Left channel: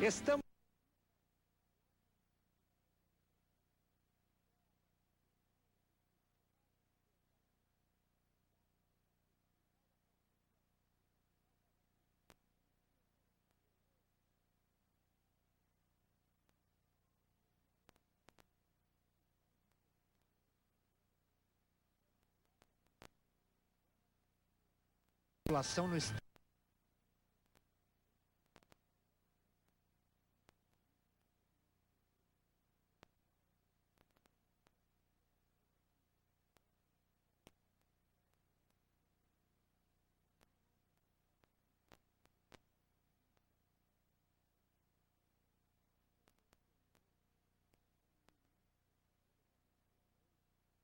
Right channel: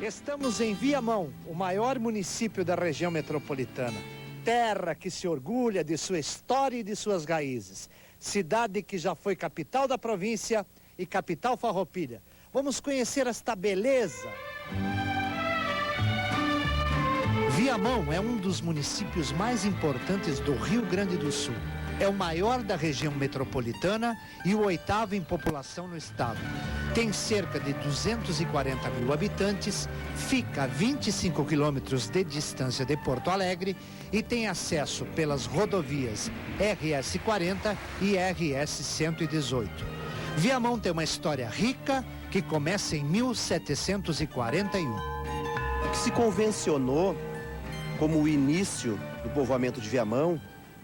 Estamos em Viamão, o maior município da região metropolitana. Terra que se orgulha de sua história e de suas raízes. Cidade que já foi capital da província e capital farroupilha. Vamos conhecer esta beleza. Viamão é um dos municípios mais importantes do Rio Grande do Sul. É o maior da região metropolitana e o 8º em população no estado. Tem cerca de 240 mil habitantes, fica a 25 quilômetros de distância de Porto Alegre e tem acesso pelas rodovias RS 40 e RS 118. Viamão tem uma história rica que começa em 1741. O que se convencionou como o início do povoamento de Viamão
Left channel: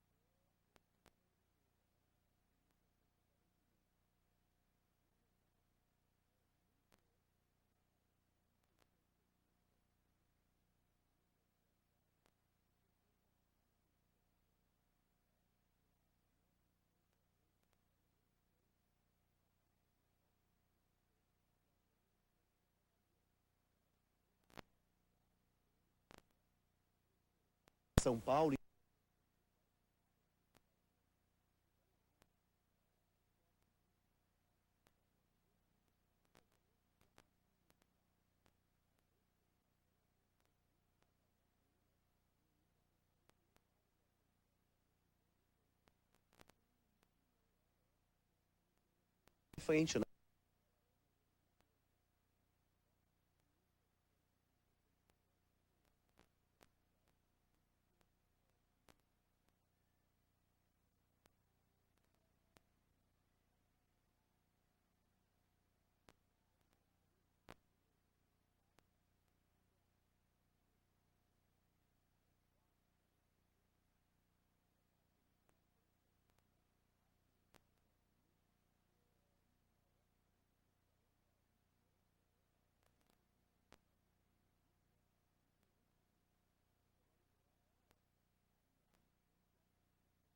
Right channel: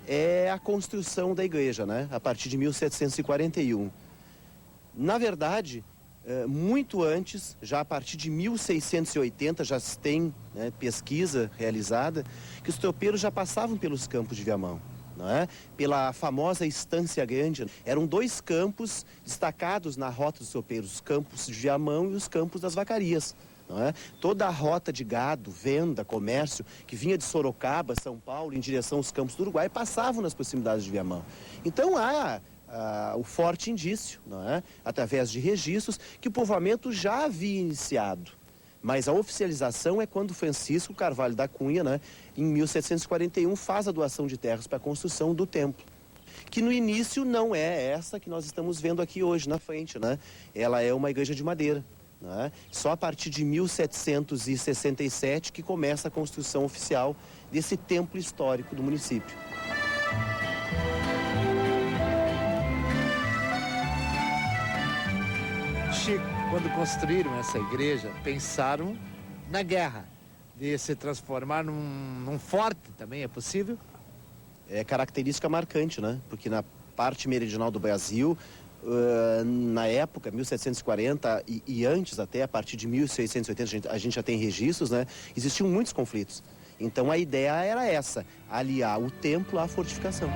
é a construção da igreja, né? A partir de 1741. Na verdade, muito antes, já a partir de 1680, já se tem, né, pesquisa realizada, que os tropeiros já passavam pelos campos de Viamão, não é? Pela famosa Estância Grande. Eram 2 campos destacados na rota dos tropeiros, os campos de Viamão e os campos das Vacarias. Não é? Toda a rota de gado, venda, comércio, que vinha de Sorocaba, São Paulo, em direção aos campos do Uruguai, passavam nas proximidades de Viamão. Então há o forte indício, não é? Através de registros, que o povoamento já havia iniciado. Mas a oficialização é quando Francisco Carvalho da Cunha, né, em 1741, faz a doação de terras para a construção do templo. Que no início não é essa que nós estamos vendo aqui hoje na frente, né? Ela é uma igreja de madeira. Né? Só a partir de 1767 que começa a construção oficial desse templo histórico do município. Chico, quando construíram essa igreja, pensaram na guerra, de se transformar num forte também, é possível? É característica marcante, né? Porque na parte meridional do Brasil, na época, 1740 e antes até, a partir de 1680, a gente já tem registros, né? Existiam muitos conflitos. Então a ideia era essa, aliar o templo à fortificação.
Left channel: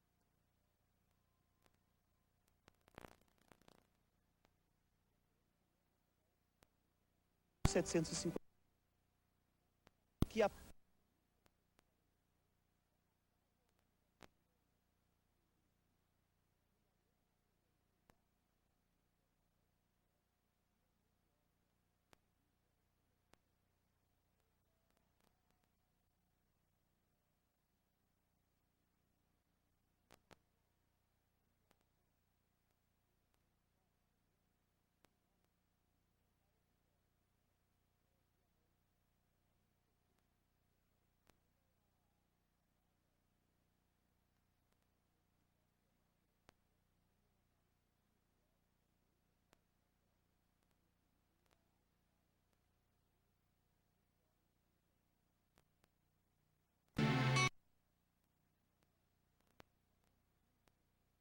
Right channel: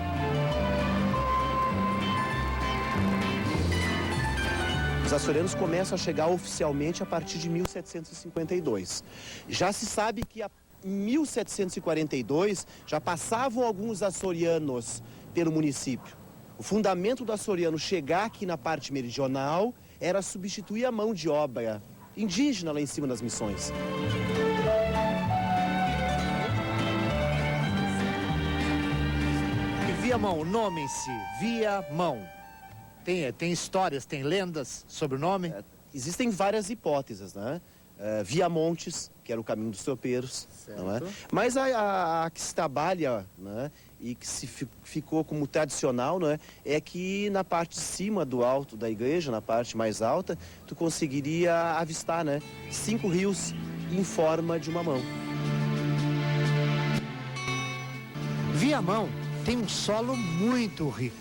Os açorianos começam a chegar oficialmente a partir de 1752. Já se sabe que em 1742 já passavam alguns açorianos pelo município. O fundamento do açoriano chegar aqui na parte meridional era substituir a mão de obra indígena lá em cima das missões. E Viamão, o nome em si, Viamão. Tem histórias, tem lendas sobre o nome? Existem várias hipóteses, né? Viamontes, que era o caminho dos tropeiros, não é? Mas a que se trabalha, né, e que ficou como tradicional, não é? É que na parte de cima do alto da igreja, na parte mais alta, tu conseguiria avistar, né, 5 rios em forma de uma mão. Viamão tem um solo muito rico.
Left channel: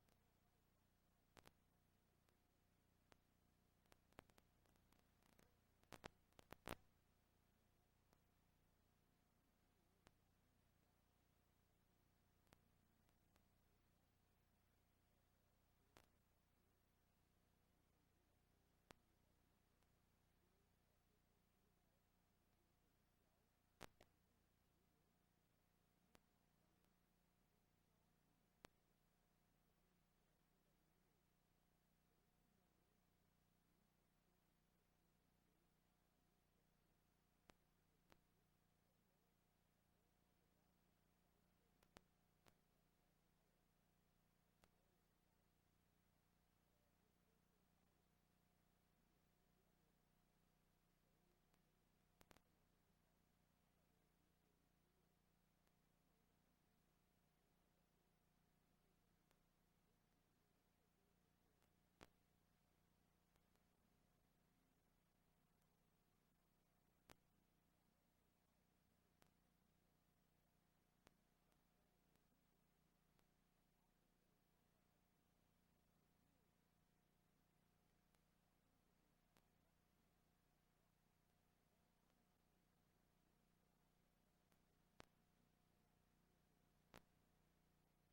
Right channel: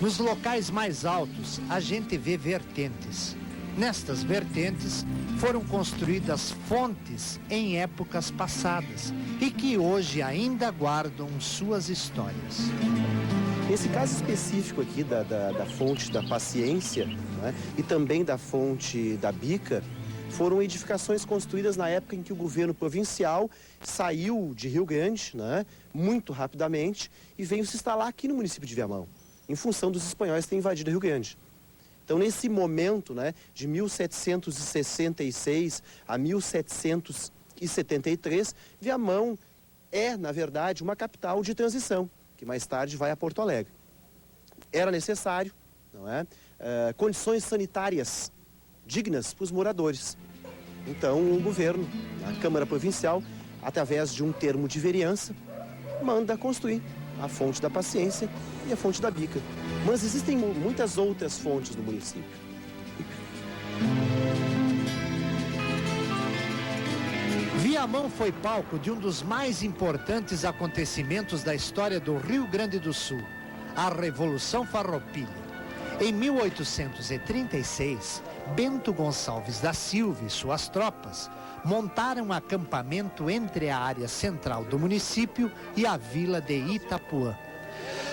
Nos locais mais altos, a gente vê vertentes. Nestas vertentes, foram construídas fontes em épocas passadas e que hoje ainda guardam suas histórias. Nesse caso específico aqui da fonte da Paciência, né, e também da fonte da Bica, foram edificações construídas na época em que o governo provincial saiu de Rio Grande, né, muito rapidamente e veio se instalar aqui no município de Viamão, em função dos espanhóis terem invadido Rio Grande. Então, nesse momento, né, de 1766 a 1773, Viamão é, na verdade, uma capital de transição, que mais tarde vai a Porto Alegre. Era necessário, não é, condições sanitárias dignas para os moradores. Então, o governo, a Câmara Provincial, através de um termo de vereança, manda construir a fonte da Paciência e a fonte da Bica. Mas existem muitas outras fontes no município. Viamão foi palco de um dos mais importantes acontecimentos da história do Rio Grande do Sul, a Revolução Farroupilha. Em 1836, Bento Gonçalves da Silva e suas tropas montaram um acampamento entre a área central do município e a vila de Itapuã,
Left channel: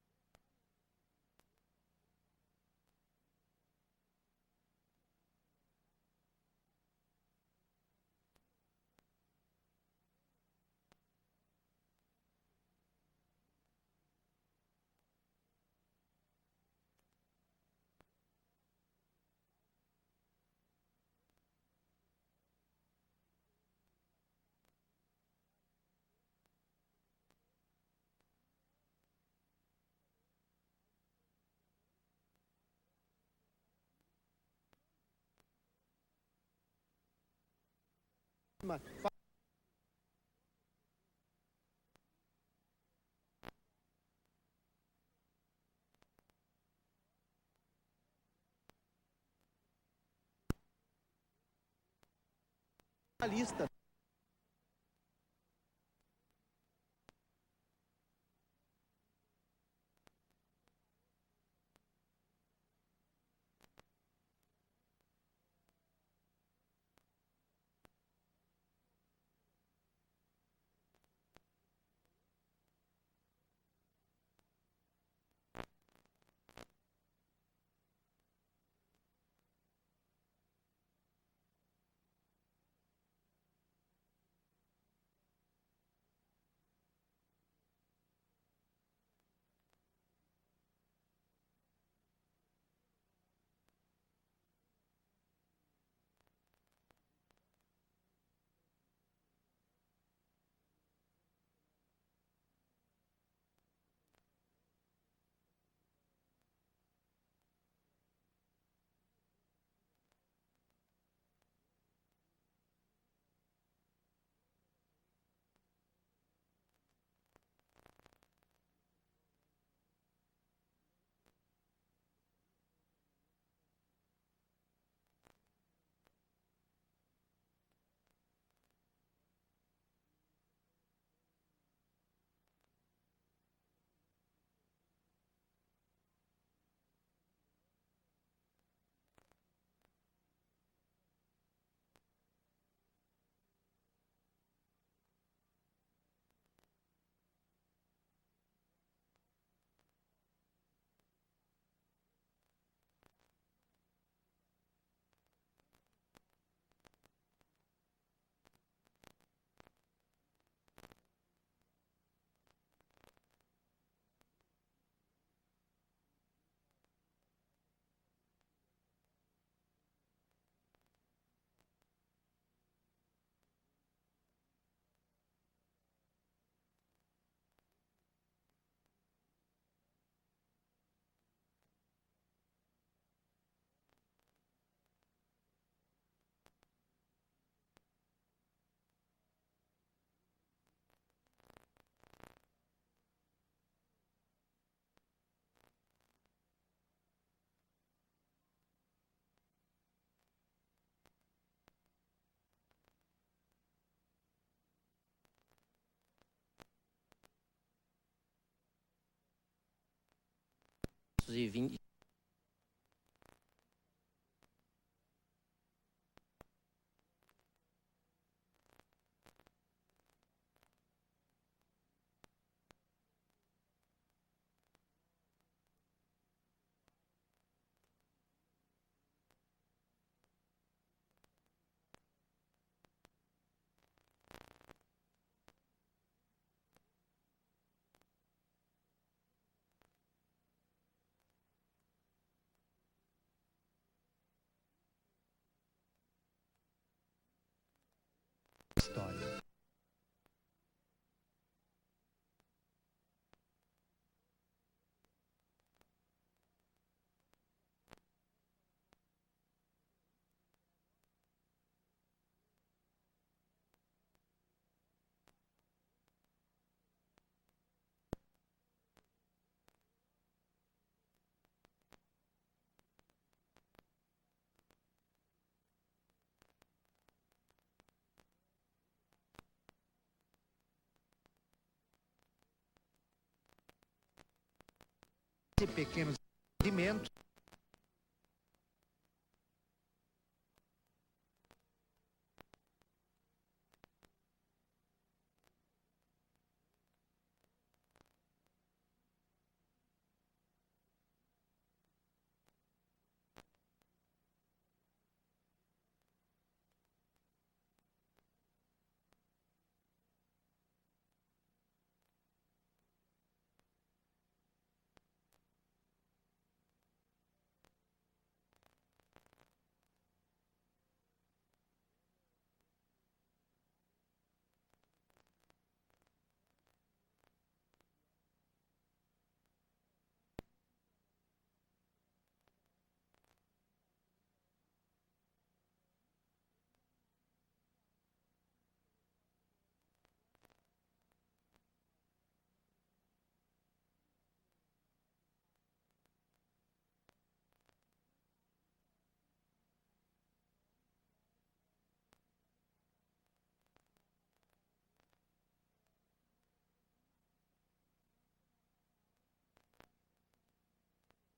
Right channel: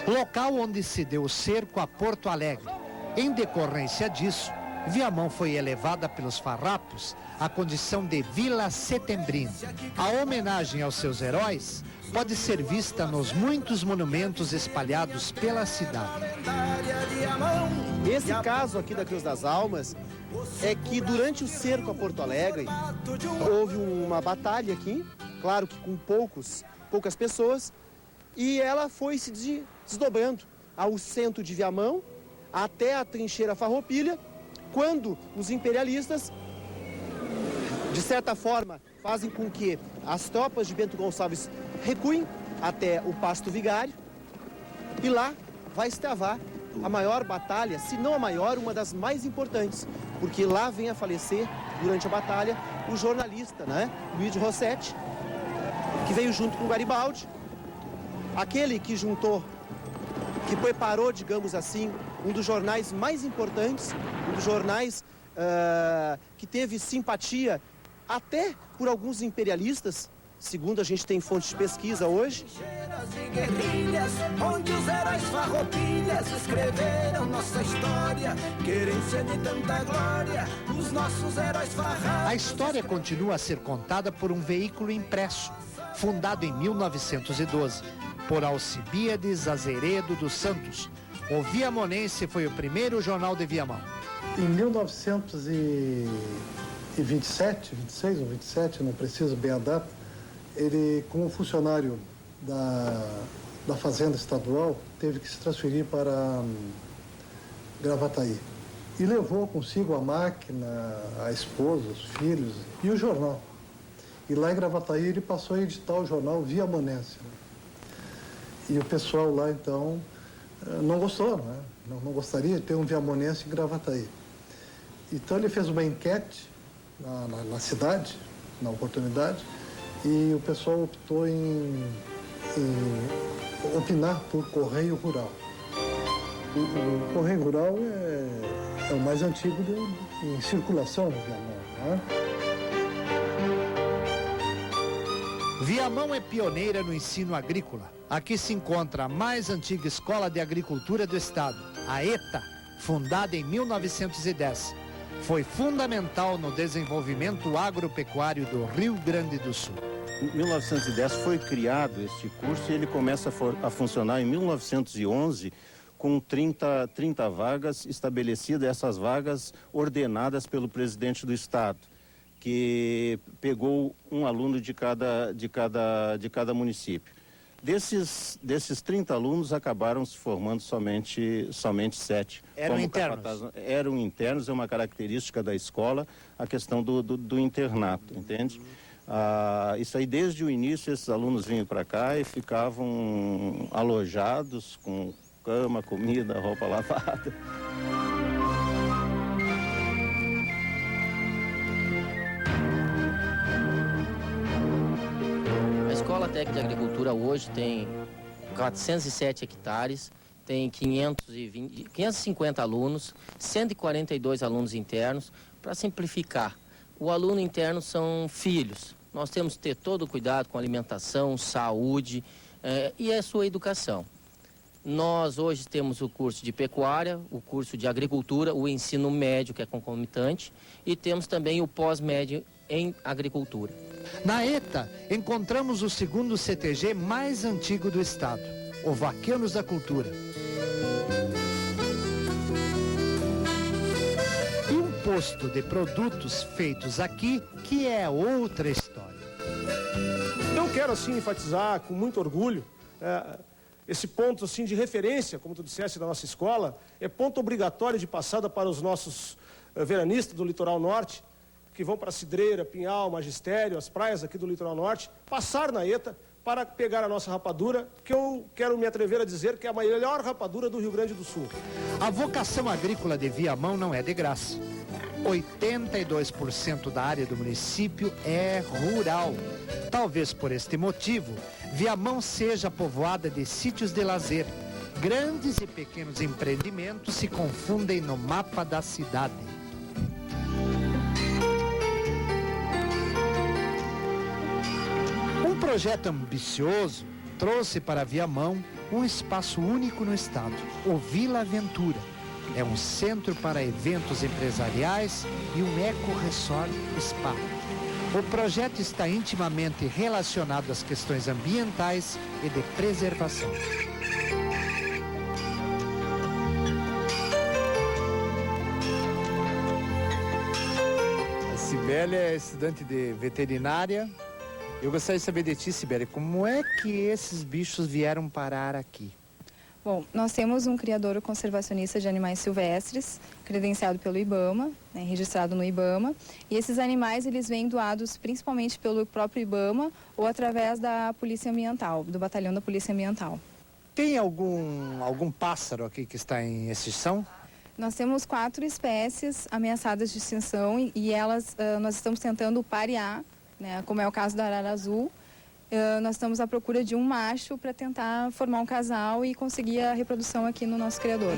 local onde se deu o cerco a Porto Alegre. Em decorrência disso, Viamão foi elevada pelos farrapos à condição de Vila Setembrina. A homenagem aos seus heróis pode ser vista nos muitos monumentos espalhados pela cidade. Esse caso aqui da Cruz das Almas é que durante o cerco a Porto Alegre houve uma batalha aqui, claro que com poucas pessoas, e ela foi se desdobrando ao centro de Viamão até a trincheira Farroupilha, quando os imperialistas, de certa forma, fazem com que as tropas de Bento Gonçalves recuem até o Pasto Vigário, e lá vai se travar a maior batalha, se não a maior, uma das mais importantes, porque lá vem a falecer, durante a batalha, o jornalista, Luiz Rossetti, que veio junto com Garibaldi, aquele que preparou, digamos assim, um dos jornais mais importantes, um dos jornais que teve simpatia até por alguns imperialistas, segundo a gente tem fontes de pesquisa hoje. Onde os heróis farroupilhas escreveram nossa história, querência de tanta glória, os nossos heróis farrapos. A história continua a ser contada por um veículo impresso, fundado em 1912, por Alcibíades Azeredo dos Santos. O Viamonense foi o primeiro jornal de Viamão. Em 1927, 26 ou 27, não preciso bem a data, ele, como funcionário da Fazenda Estadual, teve que se transferir para Gravataí. E levou consigo a máquina, a esposa, os filhos e o jornal. E lá em Gravataí ele passou a editar o jornal Viamonense. E o pessoal lá, então, não gostou, não gostaria de ter um viamonense em Gravataí. Então ele fez uma enquete na cidade, na oportunidade, e o pessoal optou em opinar por Correio Rural. O Correio Rural é o mais antigo em circulação no Viamão, Viamão é pioneira no ensino agrícola. Aqui se encontra a mais antiga escola de agricultura do estado, a ETA, fundada em 1910. Foi fundamental no desenvolvimento agropecuário do Rio Grande do Sul. Em 1910 foi criado este curso e ele começa a funcionar em 1911 com 30 vagas estabelecidas, essas vagas ordenadas pelo presidente do estado, que pegou um aluno de cada município. Desses 30 alunos, acabaram se formando somente 7. Eram internos? Eram internos, é uma característica da escola, a questão do internato, entende? Isso aí, desde o início, esses alunos vinham para cá e ficavam alojados com cama, comida, roupa lavada. A Escola Técnica de Agricultura hoje tem 407 hectares, tem 550 alunos, 142 alunos internos. Para simplificar, o aluno interno são filhos. Nós temos que ter todo o cuidado com alimentação, saúde e a sua educação. Nós hoje temos o curso de pecuária, o curso de agricultura, o ensino médio, que é concomitante, e temos também o pós-médio em agricultura. Na ETA, encontramos o segundo CTG mais antigo do estado, o Vaqueiros da Cultura. E um posto de produtos feitos aqui, que é outra história. Eu quero, assim, enfatizar com muito orgulho esse ponto, assim, de referência, como tu disseste, da nossa escola, é ponto obrigatório de passada para os nossos veranistas do Litoral Norte, que vão para Cidreira, Pinhal, Magistério, as praias aqui do Litoral Norte, passar na ETA para pegar a nossa rapadura, que eu quero me atrever a dizer que é a melhor rapadura do Rio Grande do Sul. A vocação agrícola de Viamão não é de graça. 82% da área do município é rural. Talvez por este motivo, Viamão seja povoada de sítios de lazer. Grandes e pequenos empreendimentos se confundem no mapa da cidade. Um projeto ambicioso trouxe para Viamão um espaço único no estado, o Vila Aventura. É um centro para eventos empresariais e um eco-resort spa. O projeto está intimamente relacionado às questões ambientais e de preservação. A Cibele é estudante de veterinária. Eu gostaria de saber de ti, Cibele, como é que esses bichos vieram parar aqui? Bom, nós temos um criador conservacionista de animais silvestres, credenciado pelo IBAMA, né, registrado no IBAMA, e esses animais eles vêm doados principalmente pelo próprio IBAMA ou através da Polícia Ambiental, do Batalhão da Polícia Ambiental. Tem algum pássaro aqui que está em extinção? Nós temos 4 espécies ameaçadas de extinção e elas nós estamos tentando parear, né, como é o caso da arara azul. Nós estamos à procura de um macho para tentar formar um casal e conseguir a reprodução aqui no nosso criador.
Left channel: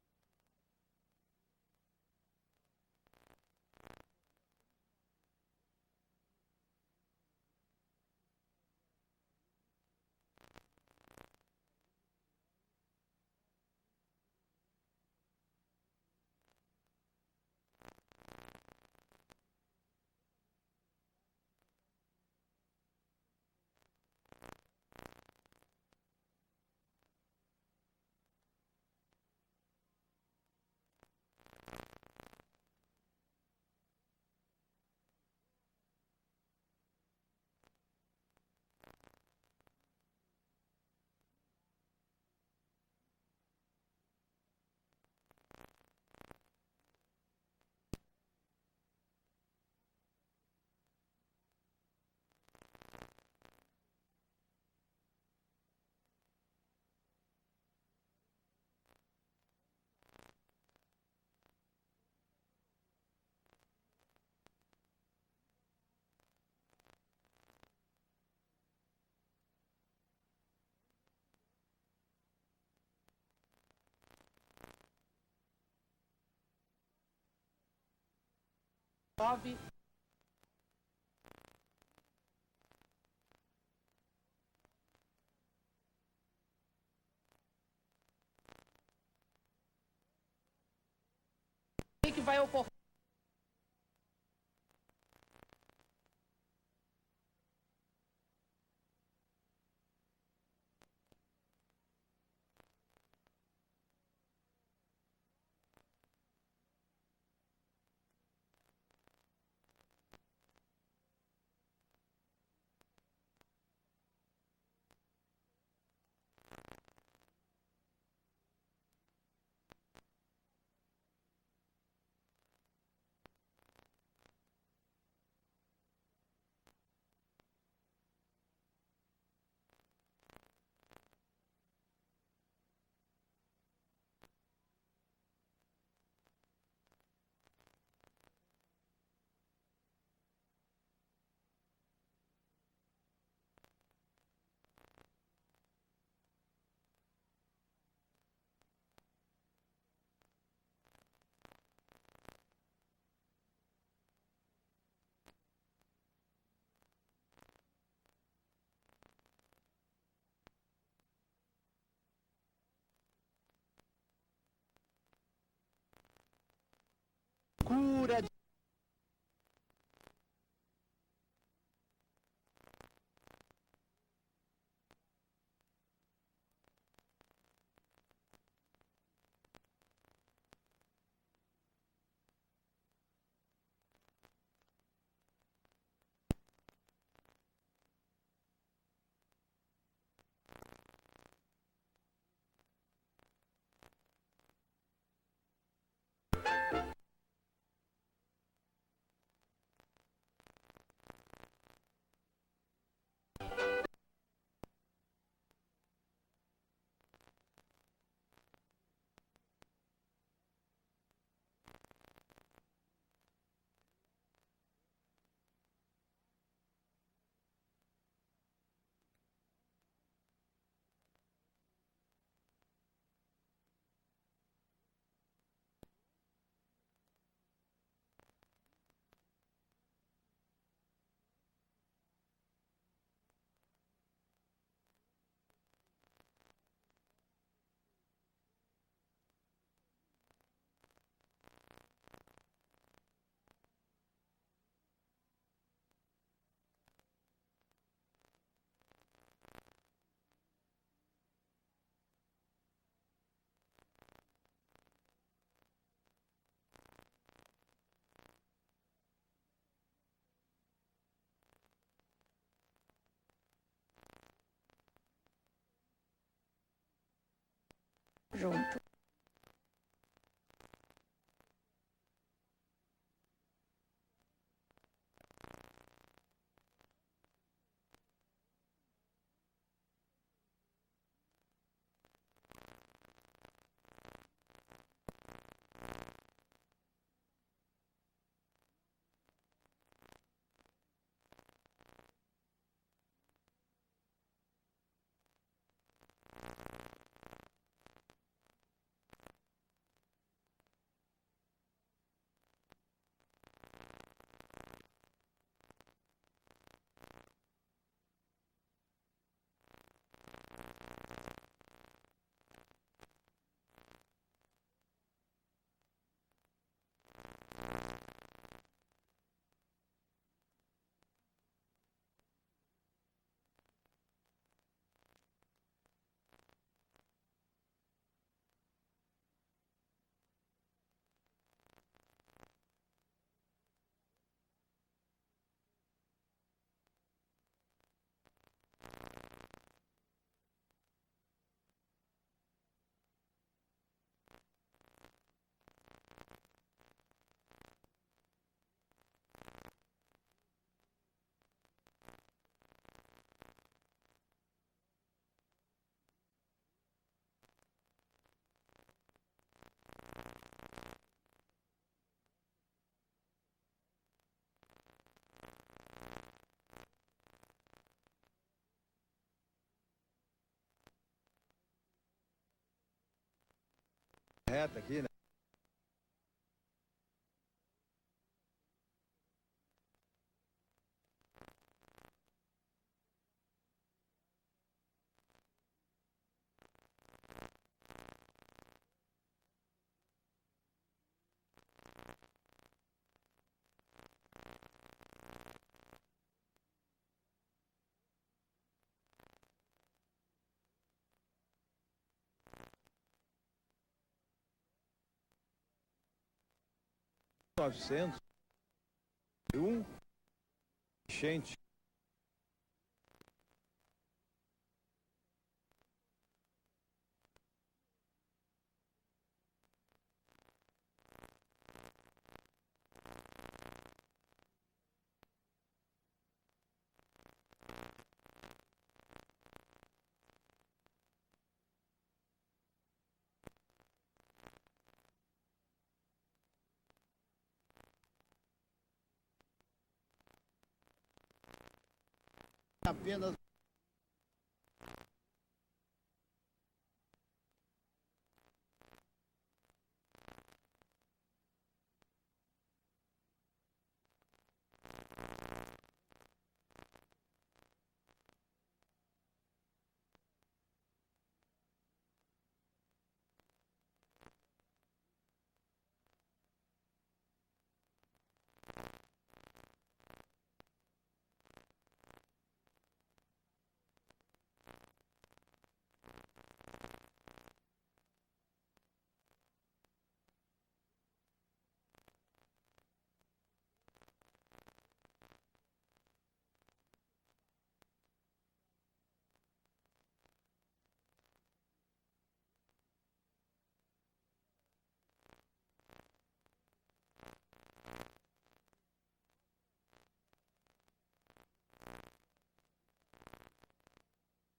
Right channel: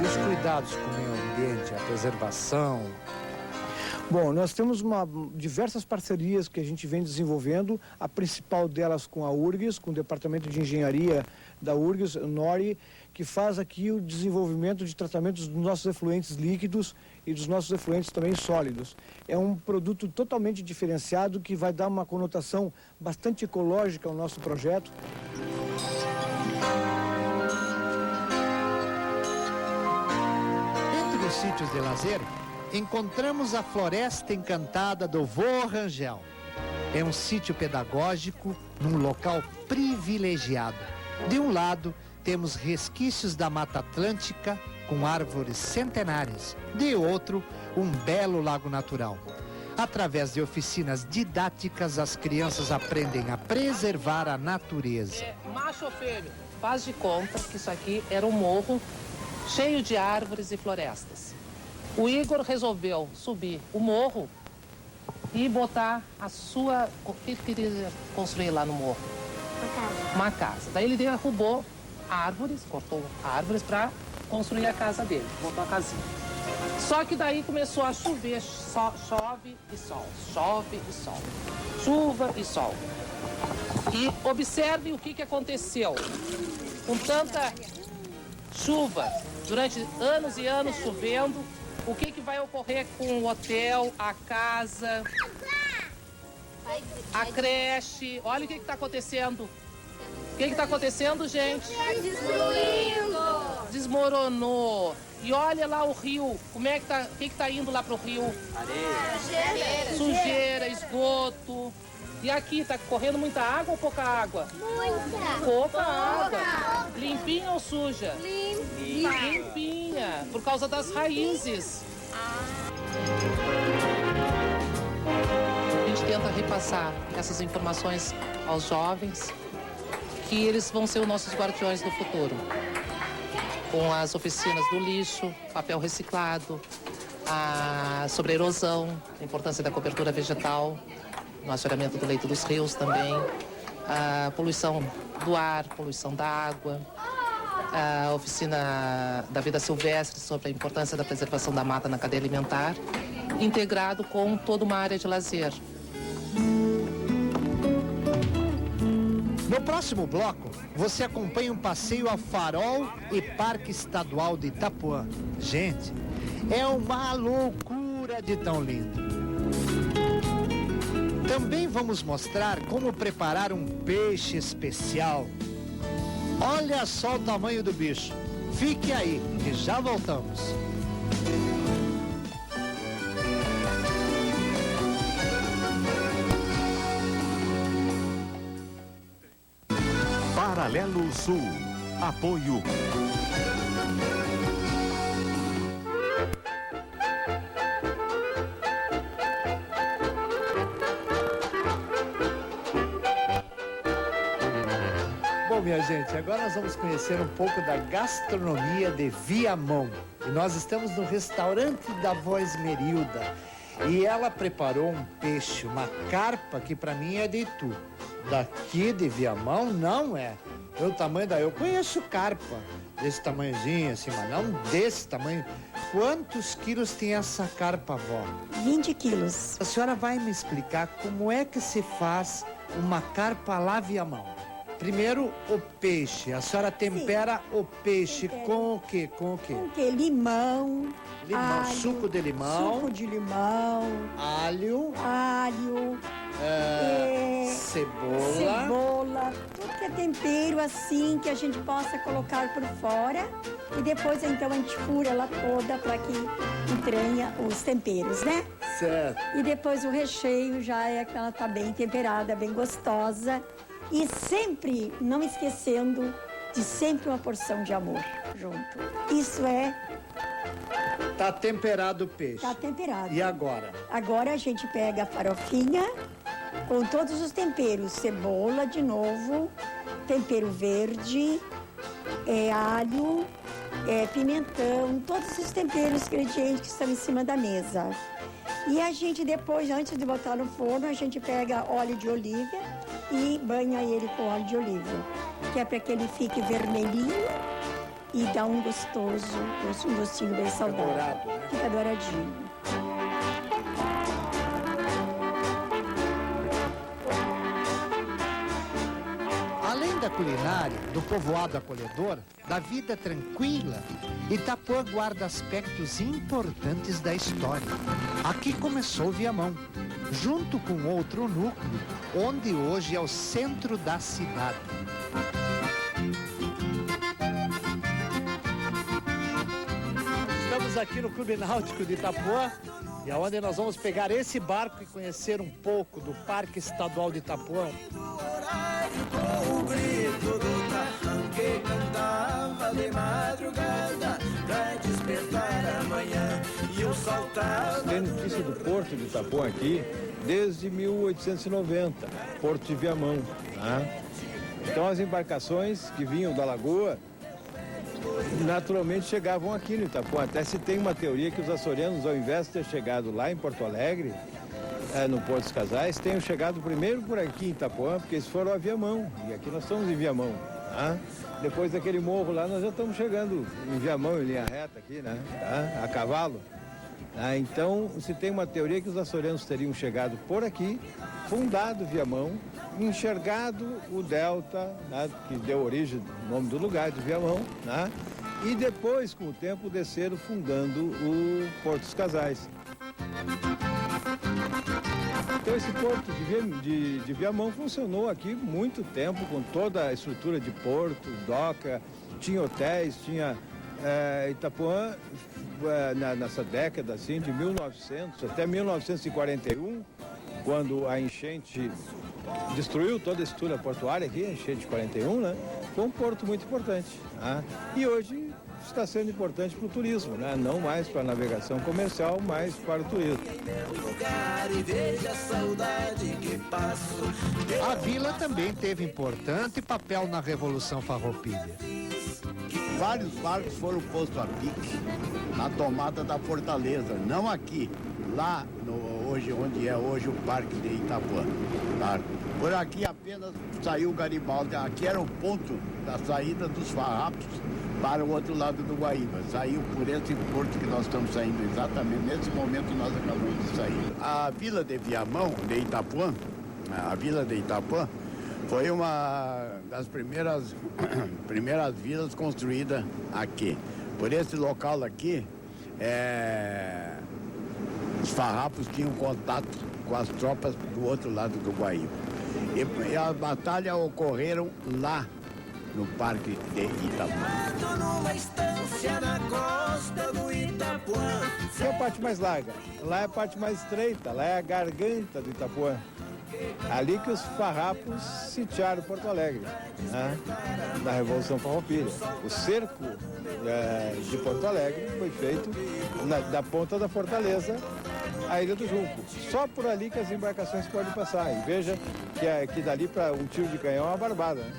E os cuidados com o meio ambiente, a preservação? Bom, nós temos diversas parcerias que a gente vem desenvolvendo, a principal delas com a URGS, com o Departamento de Engenharia da URGS, NORI, que faz aqui o desenvolvimento de tratamentos dos nossos efluentes líquidos e dos nossos efluentes também sólidos. É um produto totalmente diferenciado que vai dar uma conotação bastante ecológica ao nosso projeto. Entre os sítios de lazer, encontramos a Floresta Encantada do Vô Rangel. É um sítio pedagógico num local privilegiado. De um lado, temos resquícios da Mata Atlântica com árvores centenárias. De outro, um belo lago natural. Através de oficinas didáticas, as crianças aprendem a preservar a natureza. Macho ou fêmea, faz de conta que isso aqui era um morro cheio de árvores e florestas. O Igor resolveu subir o morro e botar a sua... O que ele queria construir lá no morro? Uma casa. Daí ele derrubou árvores, cortou árvores para construir a casa dele, botou a casinha. Só que daí começou a chover, chove e sol, chove e sol, chuva e sol. E observe o que aconteceu. Com tanta chuva, durante anos e anos chovendo, o que vai ocorrer com o hotel, a casa, a creche? Olha o que está acontecendo. O que está acontecendo, gente? Destruindo! Desmoronou. E olha lá o rio. Como é que tá? O que está indo lá pro rio? Areia. Sujeira, esgoto. E aqui, tá correndo muita água ou pouca água? Muita! Pouca água. Limpinha ou suja? Limpinha. Limpinha. Por causa das raízes. A gente tenta repassar essas informações aos jovens, que eles vão ser os nossos guardiões do futuro. Com as oficinas do lixo, papel reciclado, sobre a erosão, a importância da cobertura vegetal, no assoreamento do leito dos rios também, a poluição do ar, poluição da água, a oficina da vida silvestre sobre a importância da preservação da mata na cadeia alimentar, integrado com toda uma área de lazer. No próximo bloco, você acompanha um passeio a Farol e Parque Estadual de Itapuã. Gente, é uma loucura de tão lindo. Também vamos mostrar como preparar um peixe especial. Olha só o tamanho do bicho. Fique aí, que já voltamos. Paralelo Sul. Apoio. Bom, minha gente, agora nós vamos conhecer um pouco da gastronomia de Viamão. E nós estamos no restaurante da Vó Esmerilda. E ela preparou um peixe, uma carpa, que para mim é de Itu. Daqui de Viamão não é. Pelo tamanho da... Eu conheço carpa, desse tamanhozinho assim, mas não desse tamanho. Quantos quilos tem essa carpa, vó? 20 quilos. A senhora vai me explicar como é que se faz uma carpa lá via mão. Primeiro, o peixe. A senhora tempera o peixe com o quê? Com o quê? Com o quê? Limão, Limão, alho, suco de limão, suco de limão, alho, cebola, tudo que é tempero assim que a gente possa colocar por fora e depois então a gente fura ela toda para que entranha os temperos, né? Certo. E depois o recheio já é que ela tá bem temperada, bem gostosa e sempre não esquecendo de sempre uma porção de amor junto. Isso é... Tá temperado o peixe. Tá temperado. E agora? Agora a gente pega a farofinha com todos os temperos. Cebola de novo, tempero verde, alho, pimentão, todos os temperos, ingredientes que estão em cima da mesa. E a gente depois, antes de botar no forno, a gente pega óleo de oliva e banha ele com óleo de oliva, que é para que ele fique vermelhinho e dá um gostinho bem saudável. Dourado, né? Fica douradinho. Além da culinária, do povoado acolhedor, da vida tranquila, Itapuã guarda aspectos importantes da história. Aqui começou Viamão, junto com outro núcleo, onde hoje é o centro da cidade. Estamos aqui no Clube Náutico de Itapuã, e aonde nós vamos pegar esse barco e conhecer um pouco do Parque Estadual de Itapuã. Com o grito do tarrão que cantava de madrugada pra despertar amanhã e o saltar. Tem notícia do Porto de Itapuã aqui desde 1890, Porto de Viamão. Né? Então as embarcações que vinham da lagoa naturalmente chegavam aqui no Itapuã. Até se tem uma teoria que os açorianos, ao invés de ter chegado lá em Porto Alegre, no Porto dos Casais, tenham chegado primeiro por aqui em Itapuã, porque eles foram a Viamão, e aqui nós estamos em Viamão. Tá? Depois daquele morro lá, nós já estamos chegando em Viamão, em linha reta aqui, né? Tá? A cavalo. Então, se tem uma teoria que os açorianos teriam chegado por aqui, fundado Viamão, enxergado o delta, né? Que deu origem ao nome do lugar de Viamão, né? E depois, com o tempo, desceram fundando o Porto dos Casais. Então esse porto de Viamão funcionou aqui muito tempo, com toda a estrutura de porto, doca, tinha hotéis, tinha Itapuã, nessa década assim, de 1900 até 1941, quando a enchente destruiu toda a estrutura portuária aqui, a enchente de 41, né? Foi um porto muito importante. Né? E hoje está sendo importante para o turismo, né? Não mais para a navegação comercial, mas para o turismo. A vila também teve importante papel na Revolução Farroupilha. Vários barcos foram postos a pique na tomada da fortaleza, não aqui, lá onde é hoje o Parque de Itapuã. Tá? Por aqui apenas saiu o Garibaldi, aqui era o ponto da saída dos farrapos para o outro lado do Guaíba. Saiu por esse porto que nós estamos saindo exatamente, nesse momento nós acabamos de sair. A vila de Viamão, de Itapuã, a vila de Itapuã, foi uma das primeiras vilas construídas aqui. Por esse local aqui, os farrapos tinham contato com as tropas do outro lado do Guaíba. E as batalhas ocorreram lá no Parque de Itapuã. Numa estância na costa do Itapuã. Essa é a parte mais larga, lá é a parte mais estreita, lá é a garganta do Itapuã. Ali que os farrapos sitiaram Porto Alegre, né? Na Revolução Farroupilha. O cerco de Porto Alegre foi feito da ponta da fortaleza à Ilha do Junco. Só por ali que as embarcações podem passar. E veja que dali para um tiro de canhão é uma barbada, né?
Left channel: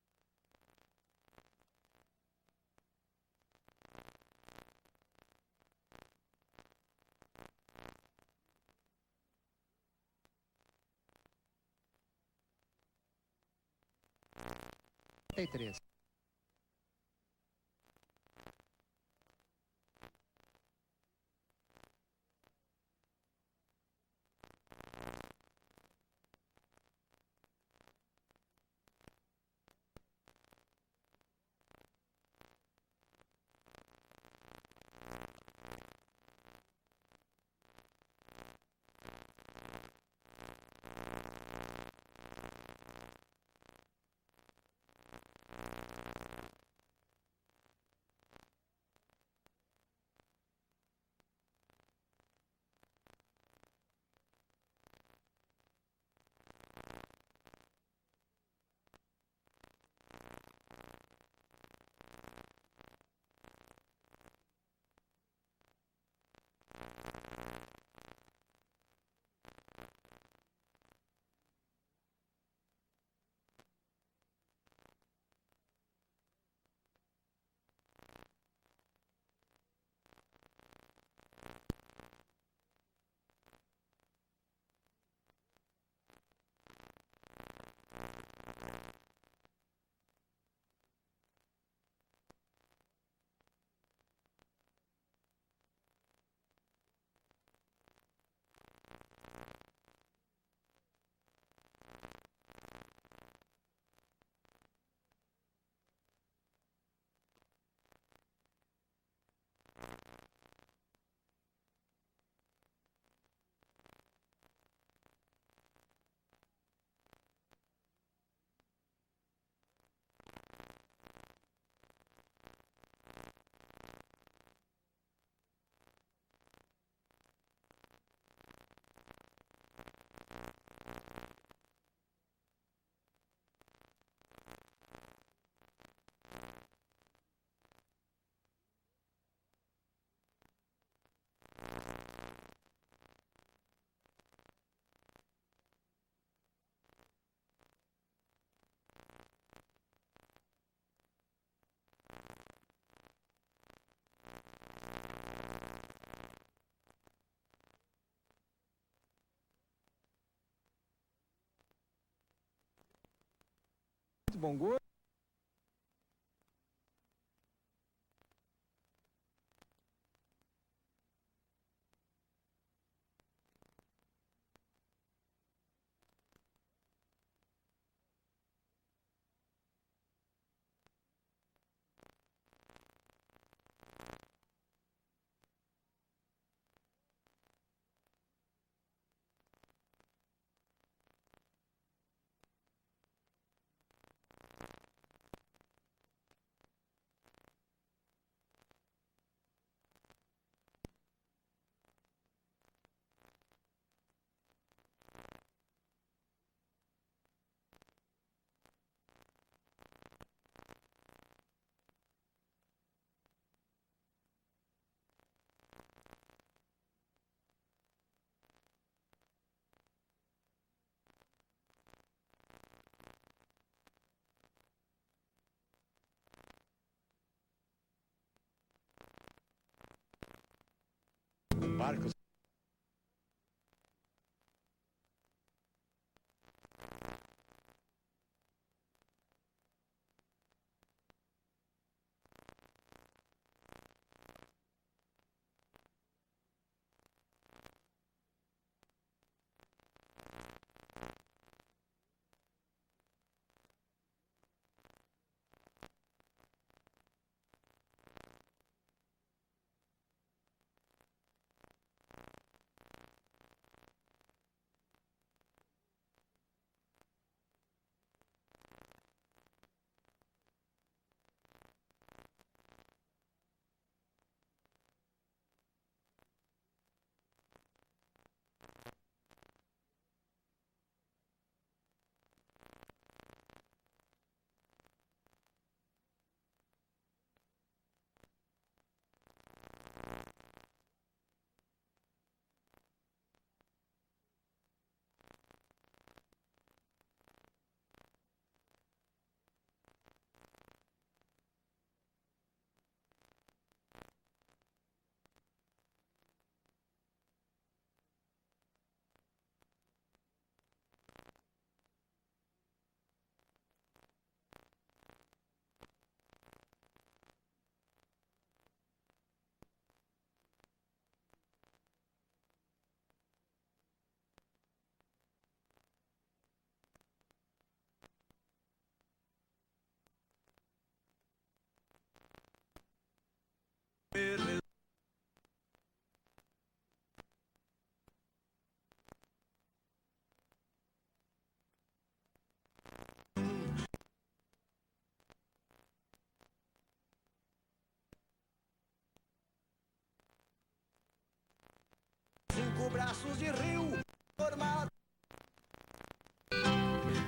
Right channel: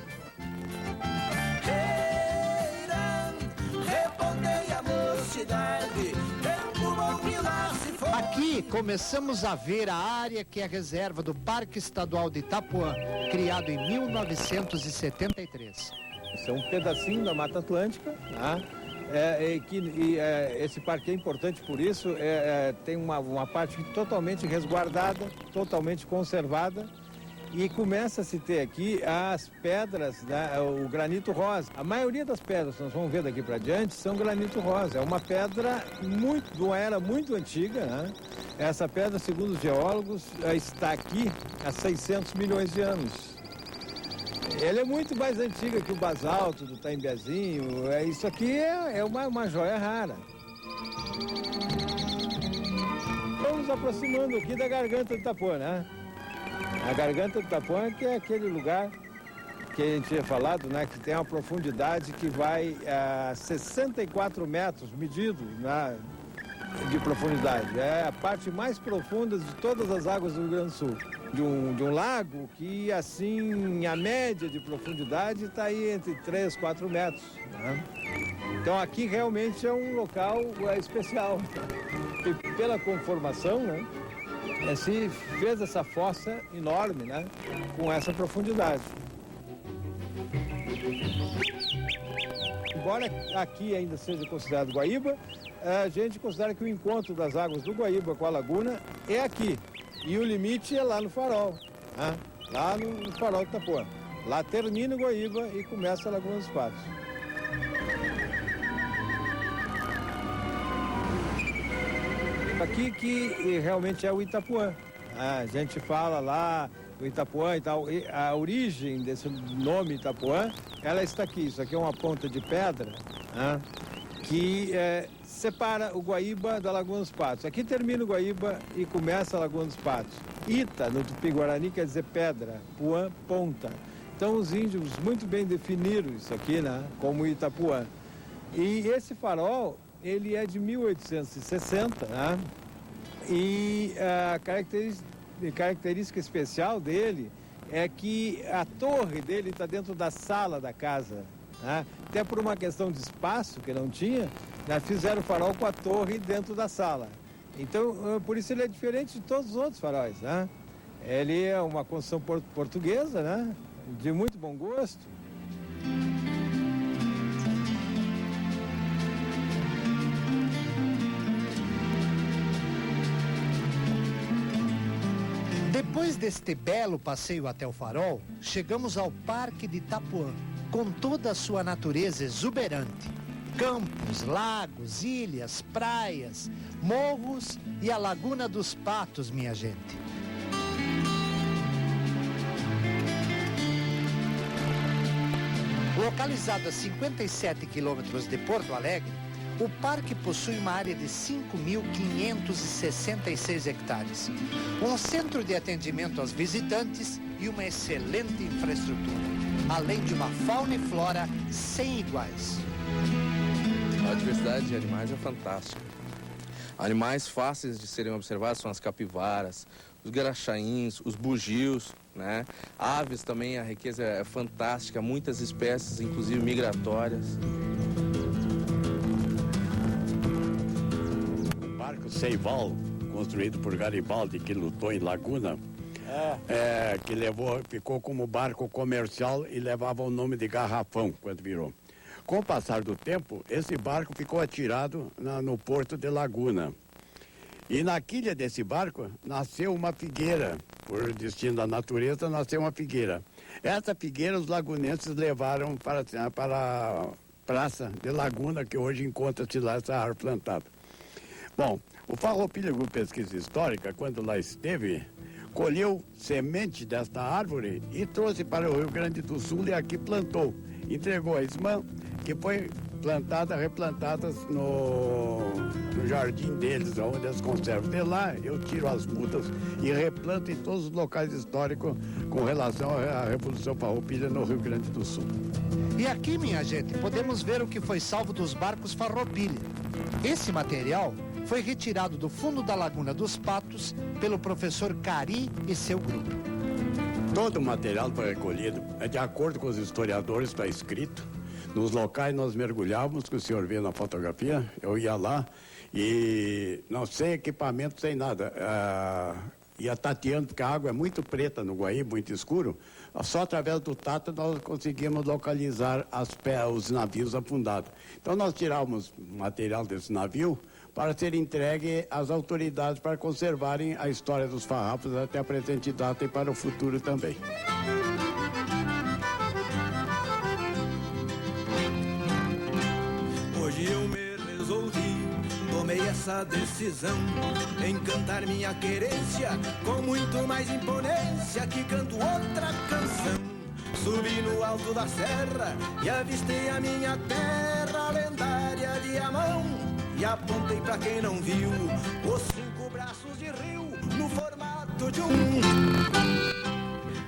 Aqui começamos a ver a área que é reserva do Parque Estadual de Itapuã, criado em 1973. Isso é um pedacinho da Mata Atlântica, né? Esse parque é importante por isso, tem uma parte totalmente resguardada, totalmente conservada, e começa a se ter aqui as pedras, né, o granito rosa. A maioria das pedras que nós vamos ver daqui para diante são granito rosa. É uma pedra de uma era muito antiga, né? Essa pedra, segundo os geólogos, está aqui há 600 milhões de anos. Ela é muito mais antiga que o basalto do Taimbezinho. Isso aqui é uma joia rara. Estamos nos aproximando aqui da Garganta do Itapuã, né? A Garganta do Itapuã, que é aquele lugar que a gente tinha falado, né? Que tem uma profundidade que vai a 64 metros medidos, né, de profundidade. É a parte mais profunda de todas as águas do Rio Grande do Sul. De um lago que, assim, a média de profundidade está aí entre 3 e 4 metros. Né? Então aqui realmente é um local especial. E pela conformação, né, se fez essa fossa enorme, né, com essa profundidade. Embora aqui ainda seja considerado Guaíba, a gente considera que o encontro das águas do Guaíba com a laguna é aqui. E o limite é lá no farol, né? Lá no farol do Itapuã. Lá termina o Guaíba e começa a Laguna dos Patos. Aqui que realmente é o Itapuã. A gente fala lá do Itapuã e tal. A origem desse nome Itapuã, ela está aqui. Isso aqui é uma ponta de pedra, né, que separa o Guaíba da Laguna dos Patos. Aqui termina o Guaíba e começa a Laguna dos Patos. Ita, no Tupi-Guarani, quer dizer pedra, Puã, ponta. Então os índios muito bem definiram isso aqui, né, como Itapuã. E esse farol, ele é de 1860, né, e a característica especial dele é que a torre dele está dentro da sala da casa, né, até por uma questão de espaço que não tinha, fizeram o farol com a torre dentro da sala. Então, por isso ele é diferente de todos os outros faróis, né? Ele é uma construção portuguesa, né? De muito bom gosto. Depois deste belo passeio até o farol, chegamos ao Parque de Itapuã, com toda a sua natureza exuberante. Campos, lagos, ilhas, praias, morros e a Laguna dos Patos, minha gente. Localizado a 57 quilômetros de Porto Alegre, o parque possui uma área de 5.566 hectares, um centro de atendimento aos visitantes e uma excelente infraestrutura, além de uma fauna e flora sem iguais. A diversidade de animais é fantástica. Animais fáceis de serem observados são as capivaras, os garaxaíns, os bugios, né? Aves também, a riqueza é fantástica, muitas espécies, inclusive migratórias. O barco Seival, construído por Garibaldi, que lutou em Laguna, ficou como barco comercial e levava o nome de Garrafão quando virou. Com o passar do tempo, esse barco ficou atirado no porto de Laguna. E na quilha desse barco nasceu uma figueira. Por destino da natureza, nasceu uma figueira. Essa figueira os lagunenses levaram para a Praça de Laguna, que hoje encontra-se lá essa árvore plantada. Bom, o Farroupilha Grupo Pesquisa Histórica, quando lá esteve, colheu semente desta árvore e trouxe para o Rio Grande do Sul e aqui plantou. Entregou a ISMAN, que foi replantadas no jardim deles, onde eles conservam. De lá eu tiro as mudas e replanto em todos os locais históricos com relação à Revolução Farroupilha no Rio Grande do Sul. E aqui, minha gente, podemos ver o que foi salvo dos barcos Farroupilha. Esse material foi retirado do fundo da Laguna dos Patos pelo professor Cari e seu grupo. Todo o material foi recolhido, de acordo com os historiadores, está escrito. Nos locais nós mergulhávamos, que o senhor vê na fotografia, eu ia lá e não sem equipamento, sem nada. ia tateando, porque a água é muito preta no Guaíba, muito escuro. Só através do tato nós conseguimos localizar os navios afundados. Então nós tirávamos material desse navio para ser entregue às autoridades para conservarem a história dos farrapos até a presente data e para o futuro também. Hoje eu me resolvi, tomei essa decisão, em cantar minha querência com muito mais imponência que canto outra canção. Subi no alto da serra e avistei a minha terra lendária Viamão. E apontei pra quem não viu os 5 braços de rio no formato de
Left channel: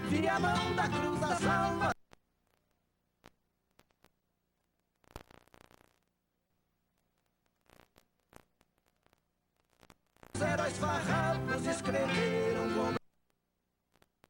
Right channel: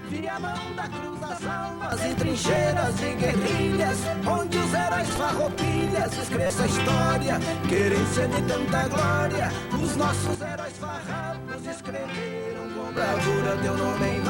Viamão da Cruz das Almas e trincheiras de guerrilhas, onde os heróis farroupilhas escrevem essa história, querência de tanta glória. Os nossos heróis farrapos escreveram com bravura teu nome em